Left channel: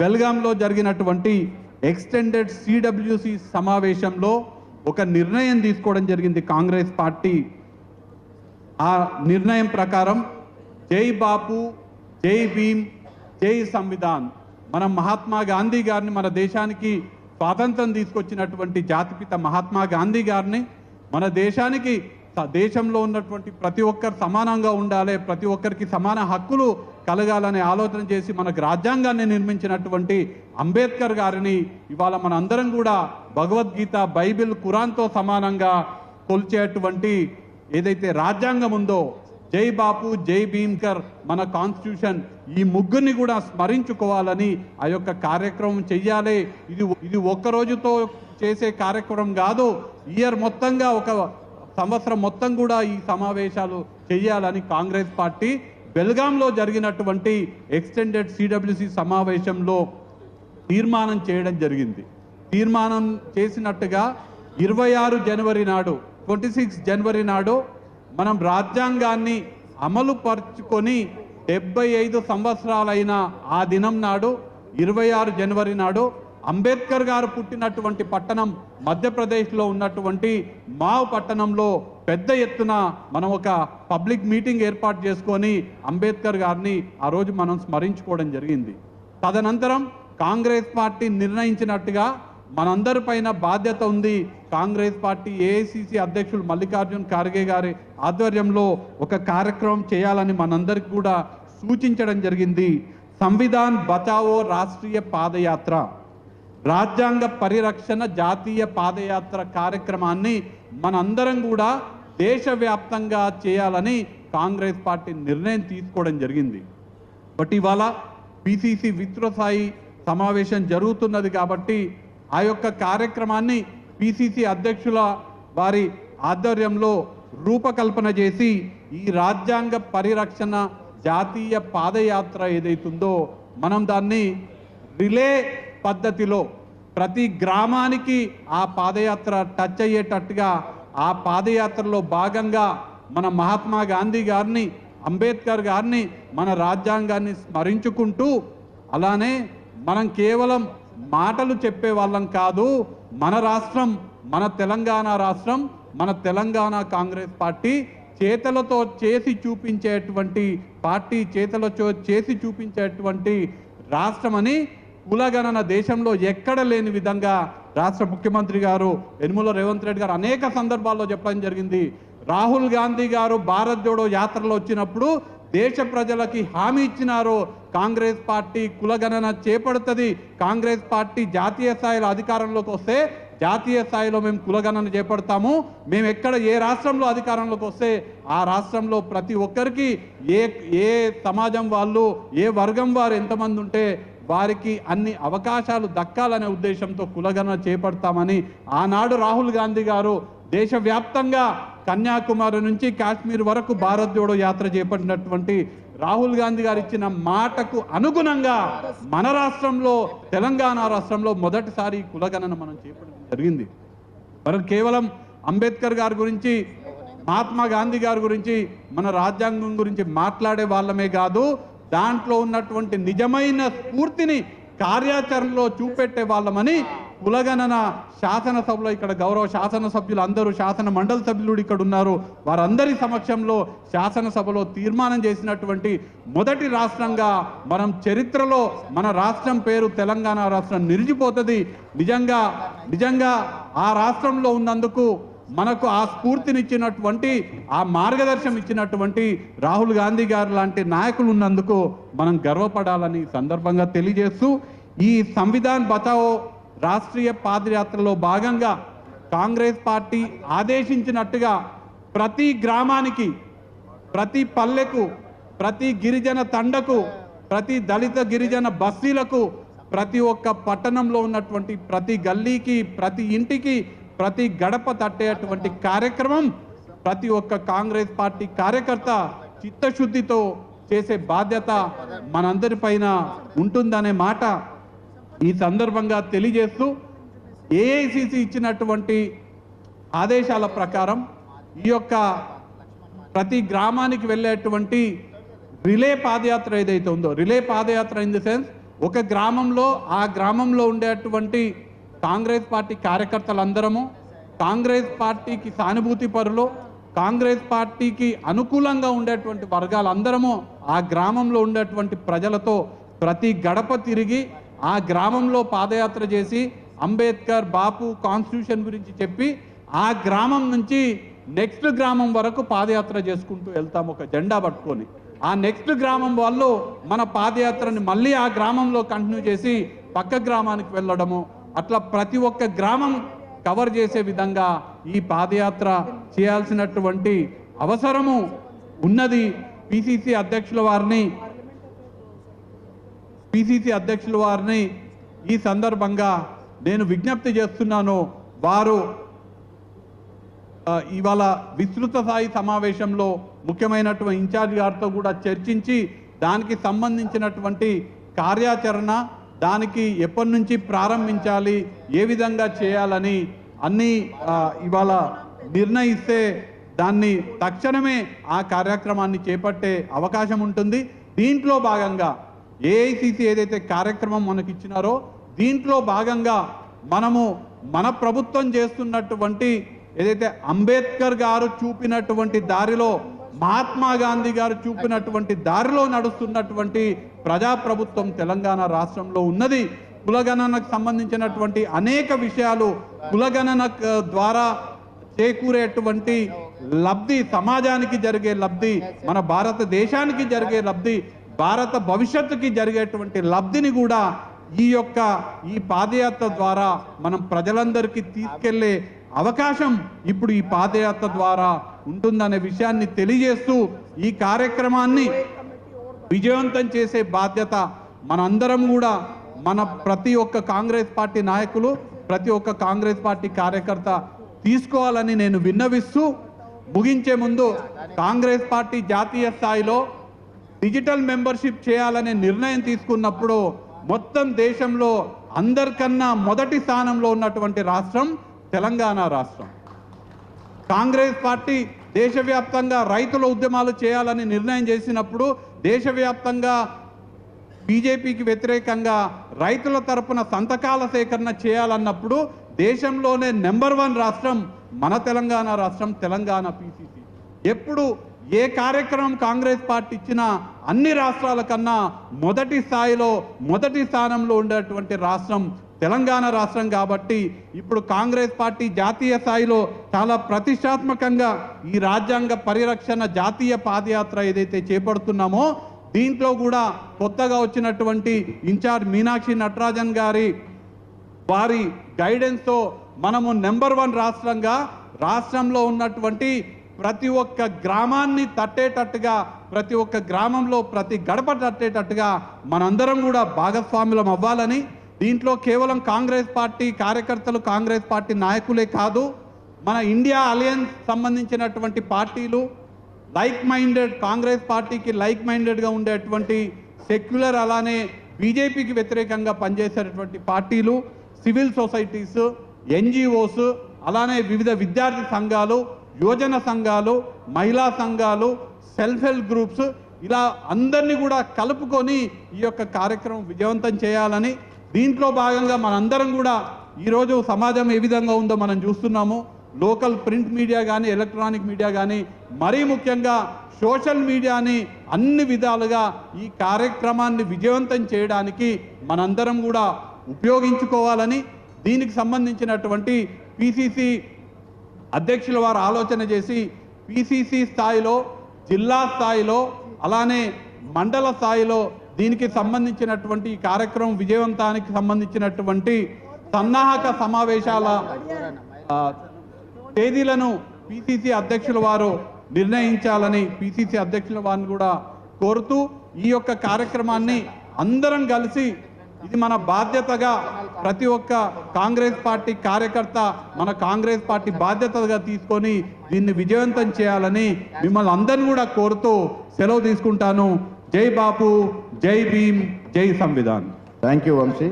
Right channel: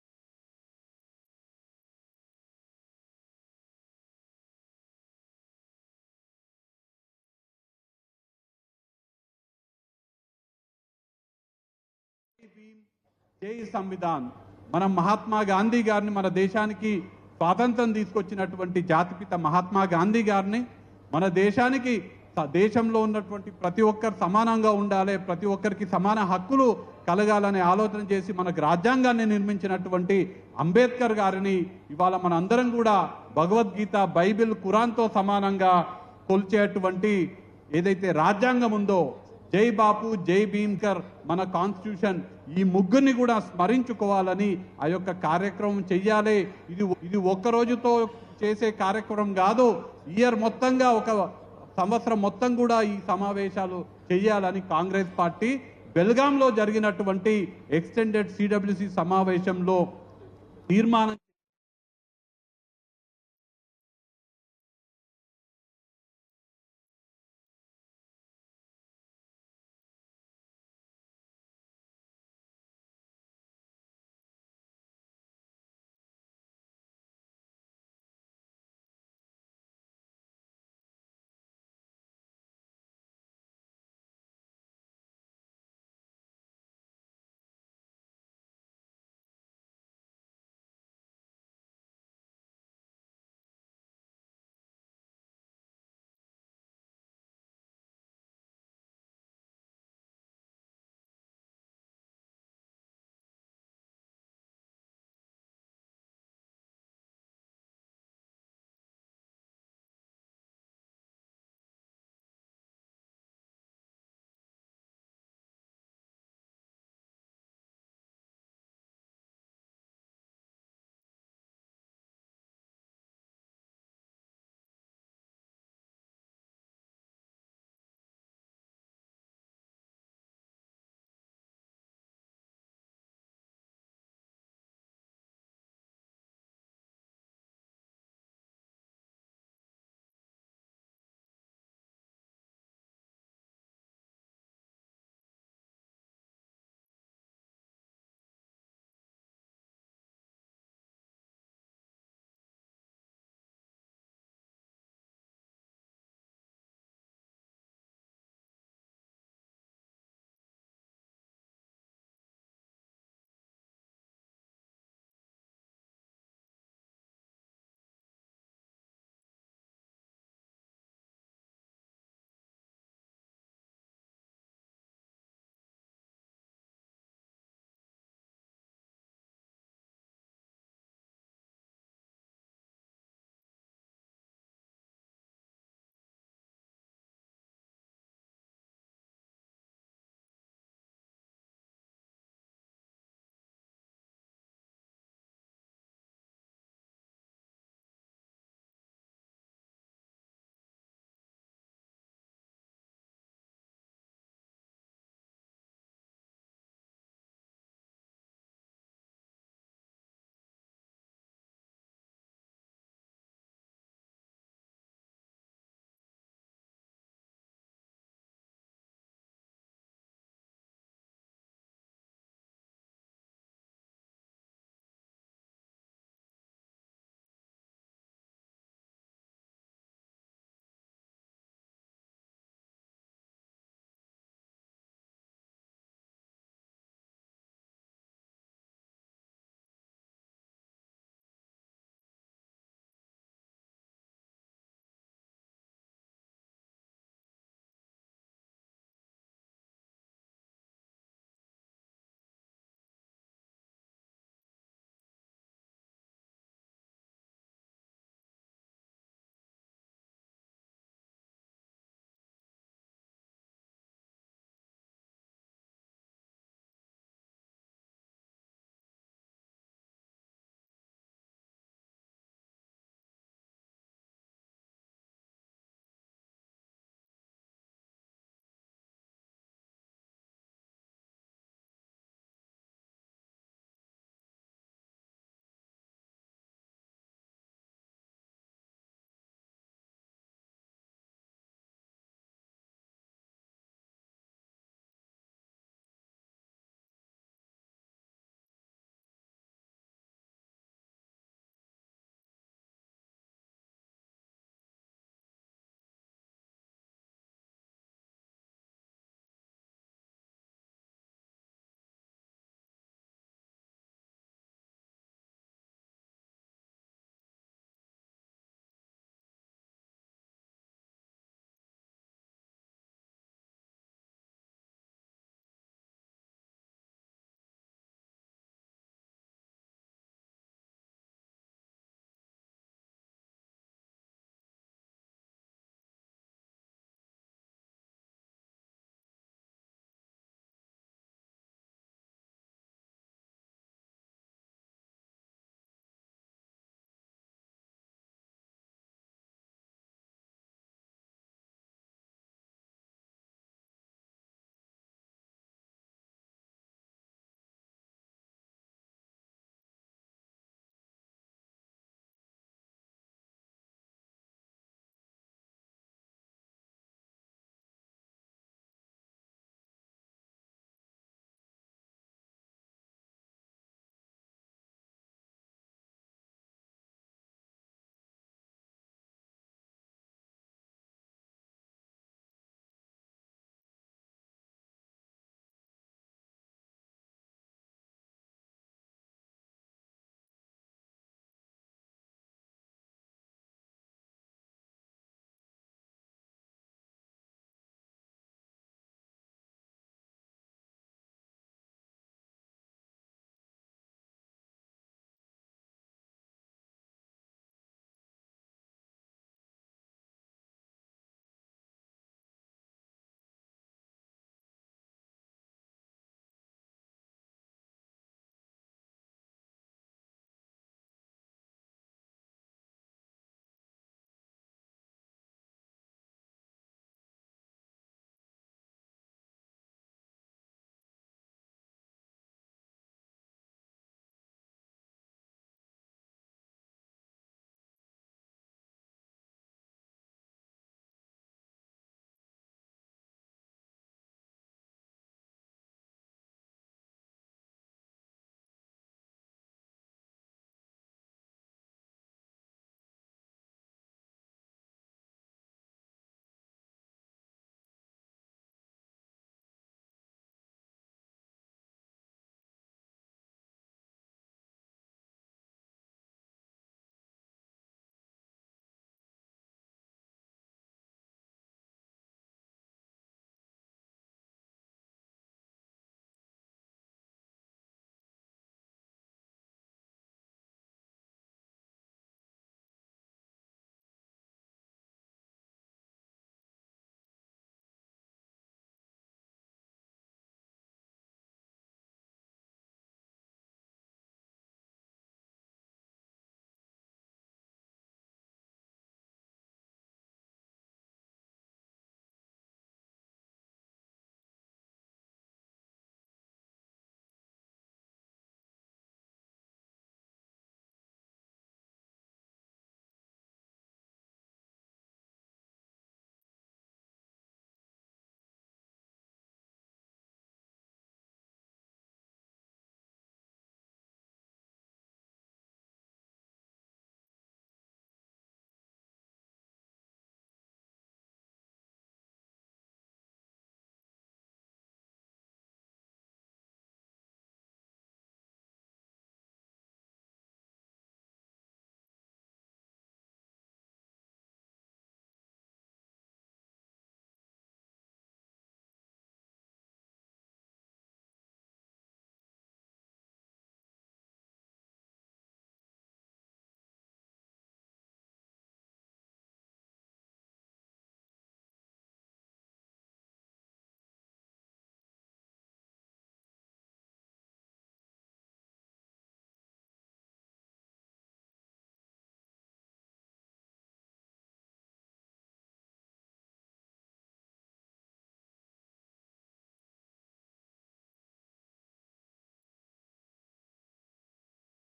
బెల్గాంలో జరిగినటువంటి extended CWC సమావేశంలో ఒక నిర్ణయం తీసుకోవడం జరిగింది కాంగ్రెస్ పార్టీ. ఆ నిర్ణయం ప్రకారం జై బాపు జై భీమ్ జై సంవిధాన్. మన మహాత్మా గాంధీ గారిని మన దేశానికి స్వాతంత్రం తీసుకొచ్చినటువంటి జాతిపిత మహాత్మా గాంధీ గారిని మన దేశానికి దేశంలో ఉన్నటువంటి ప్రతి ఒక్కరు సమానంగా ఉండాలి ప్రతి ఒక్కరికి సమాన హక్కులు కలగాలనే ఆలోచన చేసి మనకు రాజ్యాంగాన్ని నిర్మించినటువంటి అంబేద్కర్ గారిని ఇవాళ మన అందరం కూడా భగవద్గీత బైబిల్ ఖురాన్తో సమానంగా కొలిచేటువంటి ఏదైతే రాజ్యాంగం ఉందో జై బాపు జై భీమ్కర్ మన కాన్స్టిట్యూషన్ ఈ ముగ్గురిని కూడా స్మరించుకోవాలని ఆ యొక్క కార్యక్రమం చెయ్యాలి. ఇది ఇది ఒక్క రోజుతో చేసే కార్యక్రమం కాదు ఇయర్ మొత్తంగా ఒక సంవత్సరం మొత్తం కూడా ఈ సమావేశాలు చేయాలని కాంగ్రెస్ పార్టీ బెల్గాంలో జరిగినటువంటి ఎక్స్టెండెడ్ సిడబ్ల్యూసి సమావేశంలో తీర్మానం చేయడం జరిగింది. తీర్మానం చేసినట్టుగా ఇరవై ఆరు జనవరి నాడు ట్వంటీ సిక్స్ జనవరి నాడు మనం రాజ్యాంగాన్ని అమలు పరుచుకొని డెబ్బై ఐదు సంవత్సరాలైన ఆ దినం నాడు ఇరవై ఆరు జనవరి నాడు అంబేద్కర్ గారు పుట్టినటువంటి పట్టణం మధ్యప్రదేశ్లో ఉన్నటువంటి మావ్ పట్టణంలో పెద్ద ఎత్తున మనం ఒక పబ్లిక్ మీటింగ్ ఏర్పాటు చేసుకొని అంబేద్కర్ గారిని ఆ రోజు మనం స్మరించుకోవడం జరిగింది. తదనంతరం కాంగ్రెస్ పార్టీ నిర్ణయించినట్టుగా మనందరి పైన బాధ్యత ఉంది. కాంగ్రెస్ పార్టీ ఏఐసిసి అధ్యక్షులు మల్లికార్జున్ ఖార్గే గారి ఆధ్వర్యంలో ఒక కార్యక్రమం చేయాలని మనందరికి కూడా సూచించడం జరిగింది. సంవిధాన్ బచావో రాష్ట్రీయ పాదయాత్ర. రాజ్యాంగ పరిరక్షణ జాతీయ పాదయాత్ర కార్యక్రమాన్ని మనందరం కూడా దేశవ్యాప్తంగా చేయాలని కాంగ్రెస్ పార్టీ నిర్ణయం తీసుకోవడం జరిగింది. బట్ ఇవాళ పిసిసి విస్తృతస్థాయి సమావేశం జరుగుతున్నది కాబట్టి ఆ యొక్క కార్యక్రమాన్ని పిసిసి అధ్యక్షుల వారి ఆధ్వర్యంలో రూపకల్పన చేసి ఈ రాజ్యాంగ పరిరక్షణ జాతీయ పాదయాత్ర ఏదైతుందో మనం దాన్ని రిలే పద్ధతిలో ప్రతి గ్రామానికి ఆ పాదయాత్ర టచ్ అయ్యేటట్టుగా ఆ పాదయాత్రలో భాగంగా మన మహాత్మా గాంధీ గారిని అంబేద్కర్ గారిని మన రాజ్యాంగాన్ని స్మరించుకుంటూ అలానే మనం కేవలం మాటలు చెప్పే వాళ్ళం కాదు మన రాష్ట్రం మన తెలంగాణ రాష్ట్రం మన తెలంగాణ కాంగ్రెస్ పార్టీ చేతలతో చేసి చూపించేటువంటి పార్టీ చేతలతో చేసి చూపించేటువంటి రాష్ట్రమని కులగణన దేశంలో ఎక్కడ లేని విధంగా రాష్ట్ర ముఖ్యమంత్రి గారు యనుమల రేవంత్ రెడ్డి గారు అనేక సందర్భాల్లో చెప్పడం జరిగింది. రాహుల్ గాంధీ గారు భారత్ జోడో యాత్రలో వచ్చినప్పుడు దేశ ప్రజలకి హామీ ఇచ్చినారు. కాంగ్రెస్ పార్టీ కులగణన చేపడుతుంది. కాంగ్రెస్ పార్టీ జాతీయ స్థాయిలో అధికారంలోకి వస్తే జాతీయ స్థాయిలో మేము కులగణన చేపడతాము. మేము ఎక్కడ ఏ రాష్ట్రంలో అధికారంలోకి వస్తే ఆ రాష్ట్రంలో ప్రతి ఒక్కరికి ఏ ఏ సమాజం వాళ్ళు ఏ వర్గం వారు ఎంతమంది ఉంటే వారికి అన్ని అవకాశాలు దక్కాలనే ఉద్దేశంతో కులగణన చేపడతామని ఆనాడు రాహుల్ గాంధీ గారు దేశవ్యాప్తంగా కన్యాకుమారి నుంచి కాశ్మీర్ వరకు భారత్ జోడో యాత్ర చేపట్టినటువంటి రాహుల్ గాంధీ గారు ఇచ్చిన మాటకు అనుగుణంగా మన రాష్ట్రంలో తెలంగాణ రాష్ట్రంలో మొదటిసారి కులగణన మనం చేపట్టడం జరిగింది. మనం కేవలం అంబేద్కర్ గారి గురించి మహాత్మా గాంధీ గారి గురించి మన రాజ్యాంగం గురించి మాట్లాడే వాళ్ళమే కాదు దాంట్లో ఉన్నటువంటి నిజమైన స్ఫూర్తిని కార్యాచరణలో చూపెట్టే వాళ్ళమని కులగణన శాసనసభలో ఇక్కడ గౌరవ శాసనసభ్యులు అందరూ శాసన మండలి సభ్యులు ఇక్కడ ఉన్నారు. వారందరి సమక్షంలో శాసనసభలో తీర్మానం చేసినటువంటి మొదటి రాష్ట్రంగా మనం చరిత్రలో మన రాష్ట్రం పేరు తెలంగాణ రాష్ట్రం నిలిచిపోతుంది. నిజంగా నిజంగా ఆ రాష్ట్రంలో ఉన్నందుకు మనకు ఆ స్ఫూర్తినిచ్చినటువంటి ఆ మార్గదర్శనం ఇచ్చినటువంటి రాహుల్ గాంధీ గారు లాంటి నాయకులు ఉన్నందుకు మనం గర్వపడాలని సందర్భంగా తెలియజేస్తూ ఈ సంవిధాన్ బచావో రాష్ట్రీయ పాదయాత్రలో భాగంగా కాంగ్రెస్ పార్టీ ఆదేశించినట్టుగా ప్రతి గ్రామానికి ప్రతి పల్లెకు ప్రతి గిరిజన తండకు ప్రతి దళిత గిరిజన బస్తీలకు ప్రతి ఒక్క పట్టణంలో ఉన్నటువంటి ప్రతి గల్లీకి ప్రతి ఇంటికి ప్రతి గడప తట్టేటువంటి కార్యక్రమం ప్రతి ఒక్క కాంగ్రెస్ పార్టీ కార్యకర్త చిత్తశుద్ధితో చేసే బాధ్యత మనందరిపైన ఉంటుందనే మాట ఈ సందర్భంగా తెలియజేస్తూ ఏఐసిసి ఇచ్చినటువంటి ఆదేశాల ప్రకారం ఈ యొక్క ప్రతి గ్రామానికి వెళ్ళేటువంటి రిలే పాదయాత్ర ఏదైతే ఉందో relay padayatra in the sense ఒక గ్రామంలో ఆ గ్రామంలో ఉండేటువంటి కాంగ్రెస్ పార్టీ కార్యకర్తలందరము కాంగ్రెస్ పార్టీకి సానుభూతి పరులు కాంగ్రెస్ పార్టీకి అనుకూలంగా ఉండేటువంటి వర్గాలందరము ఆ గ్రామంలో ఉండేటువంటి ప్రజలతో ప్రతి గడప తిరిగి ఆ గ్రామంలో పాదయాత్ర చేసి అంబేద్కర్ బాపు కాన్స్టిట్యూషన్ గురించి చెప్పి ఆ గ్రామం నుంచి నెక్స్ట్ గ్రామం వరకు పాదయాత్ర చేసుకుంటూ వెళ్తాం ఒక జెండా పట్టుకొని. ఆ నెక్స్ట్ గ్రామం వాళ్ళు మన పాదయాత్రని మళ్ళీ ఆ గ్రామంలో కంటిన్యూ చేసి పక్క గ్రామానికి వెళ్ళడము అట్లా ప్రతి ఒక్క గ్రామం కవర్ చేసే విధంగా ఈ పాదయాత్ర చేయాల్సినటువంటి అవసరము ఉన్నది. పిసిసి అధ్యక్షుల వారిని పిసిసి అధ్యక్షుల వారిని ఈ సందర్భంగా నేను విజ్ఞప్తి చేస్తున్నాను. వారు ఇవాళ విస్తృత స్థాయి సమావేశంలో ముఖ్యమైనటువంటి ఇన్ఛార్జ్ గారితో కూడా చర్చించి దానికి సంబంధించినటువంటి కార్యాచరణ దానికి ఎప్పటి నుంచి ప్రారంభించాలి ఏ విధంగా చేయాలని అన్ని ఇవాళ నిర్ణయిస్తే దాన్ని తక్షణమే ఆ కార్యక్రమాన్ని చేపట్టే అవకాశం ఉంటుంది. దీంట్లో భాగంగా ఏఐసిసి ఏదైతే కార్యక్రమం మనకి ఇచ్చినారో దీంట్లో భాగంగా మనము మన ప్రభుత్వం చేస్తున్నటువంటి ఏదైతే అంబేద్కర్ గారు చూపినటువంటి దారిలో మహాత్మా గాంధీ గారు చూపినటువంటి దారిలో నడుస్తున్నటువంటి ప్రజాప్రభుత్వం తెలంగాణ రాష్ట్రంలో ఉన్నది. కులగణనకు సంబంధించినటువంటి అనేక విషయాలు కులగణన ద్వారా చేకూరేటువంటి లబ్ధి సమాజానికి జరిగే లబ్ధి మన భారతదేశానికి జరిగే లబ్ధి భారత భవిష్యత్తుకి జరిగేటువంటి లబ్ధిని కూడా ఈ యొక్క ఈ పాదయాత్ర ద్వారా మనం ప్రజలందరికీ తీసుకెళ్ళే అవకాశం ఇప్పుడు ఈ పాదయాత్ర ద్వారా ఉంటుందనే విషయాన్ని తెలియజేస్తూ ఈ కార్యక్రమాన్ని విజయవంతం చేసే బాధ్యత మనందరం కూడా మన ప్రతి ఒక్క కాంగ్రెస్ పార్టీ నాయకులు ప్రతి ఒక్క కాంగ్రెస్ పార్టీ కార్యకర్త తీసుకోవాలని నేను విన్నవిస్తూ ముగించే ముందు కాంగ్రెస్ పార్టీ జాతీయ స్థాయిలో డిజిటల్ మెంబర్షిప్ చేయాలనే నిర్ణయం తీసుకున్నప్పుడు మొత్తం దేశంలో అందరికన్నా మొదటి స్థానంలో ఉన్నటువంటి రాష్ట్రం తెలంగాణ రాష్ట్రం. కాంగ్రెస్ పార్టీ దేశవ్యాప్తంగా రైతుల ఉద్యమాలు చేయాలని నిర్ణయం చేసినప్పుడు దేశవ్యాప్తంగా బీజేపీకి వ్యతిరేకంగా రైతుల తరపున సంతకాల సేకరణ చేయాలన్నప్పుడు దేశంలోనే నెంబర్ వన్ రాష్ట్రం మన తెలంగాణ రాష్ట్రం తెలంగాణ పీసీసీ. ఎప్పుడు ఏ కార్యక్రమం కాంగ్రెస్ పార్టీ ఇచ్చినా అన్ని రాష్ట్రాల కన్నా మొదటి స్థాయిలో మొదటి స్థానంలో ఉండేటువంటి రాష్ట్రం తెలంగాణ రాష్ట్రం కాబట్టి ఇప్పుడు కాంగ్రెస్ పార్టీ జాతీయ స్థాయిలో చాలా ప్రతిష్టాత్మకంగా ఈ రాజ్యాంగ పరిరక్షణ జాతీయ పాదయాత్ర ఏదైతే చేపడుతున్నామో దీంట్లో కూడా కొత్తగా వచ్చినటువంటి ఇన్ఛార్జ్ మీనాక్షి నటరాజన్ గారి వారి గైడెన్స్తో మనము నెంబర్ వన్ రాష్ట్రంగా రాష్ట్రంలో ఉన్నటువంటి ప్రతి ఒక్క గ్రామాన్ని తట్టేటట్టుగా ప్రతి ఒక్క గ్రామంలో ప్రతి గడప తట్టేటట్టుగా మనందరం కూడా భాగస్వాములం అవ్వాలని దీంట్లో కేవలం కాంగ్రెస్ పార్టీ కార్యకర్తలు కాంగ్రెస్ పార్టీ నాయకులే కాదు మన ఇండియా అలయన్స్ సంబంధించినటువంటి పార్టీలు లైక్ మైండెడ్ కాంగ్రెస్ పార్టీకి లైక్ మైండెడ్గా ఉండేటువంటి సెక్యులర్ అలానే బీజేపీకి వ్యతిరేకంగా పనిచేసేటటువంటి పార్టీలు సివిల్ సొసైటీస్ ఎన్జిఓస్ అలానే వివిధ విద్యార్థి సంఘాలు యువజన సంఘాలు మహిళా సంఘాలు సెల్ఫ్ హెల్ప్ గ్రూప్స్ ఇలా అందరినీ కూడా కలుపుకొని ఈ యొక్క కార్యక్రమం విజయవంతం చేయాలని దీంట్లో భాగంగా మనందరం కూడా ఈరోజు సమాజం ఏ విధంగా ఉందో మనం చూస్తున్నాము. లోకల్ ప్రింట్ మీడియా కానీ ఎలక్ట్రానిక్ మీడియా కానీ మరీ ముఖ్యంగా సోషల్ మీడియాని అన్ని విధాలుగా ఈ కార్యక్రమాన్ని విజయవంతం చేయడానికి మనందరం కూడా ఉపయోగించుకోవాలని దీనికి సంబంధించినటువంటి పిసిసి అధ్యక్షుల వారు ఆలోచన చేసి పిసిసి స్థాయిలో జిల్లా స్థాయిలో అలానే మండల స్థాయిలో దీనికి సంబంధించినటువంటి ఈ కార్యక్రమం విజయవంతానికి సంబంధించినటువంటి సన్నాహక సమావేశాల తేదీలను పిసిసి అధ్యక్షుల వారు నిర్ణయించాలని పిసిసి అధ్యక్షుల వారిని కూడా కోరుతూ ఈ యొక్క కార్యక్రమాన్ని అందరం కలిసి ఇది మన బాధ్యతగా ప్రతి ఒక్క కాంగ్రెస్ పార్టీ కార్యకర్త మన కాంగ్రెస్ పార్టీ బాధ్యతగా తీసుకొని దీన్ని విజయవంతం చేయాలని మిమ్మల్ని అందరిని కూడా కోరుతూ సెలవు తీసుకుంటాను. జై బాపు జై భీమ్ జై సంవిధాన్ థ్యాంక్ యూ వంశీ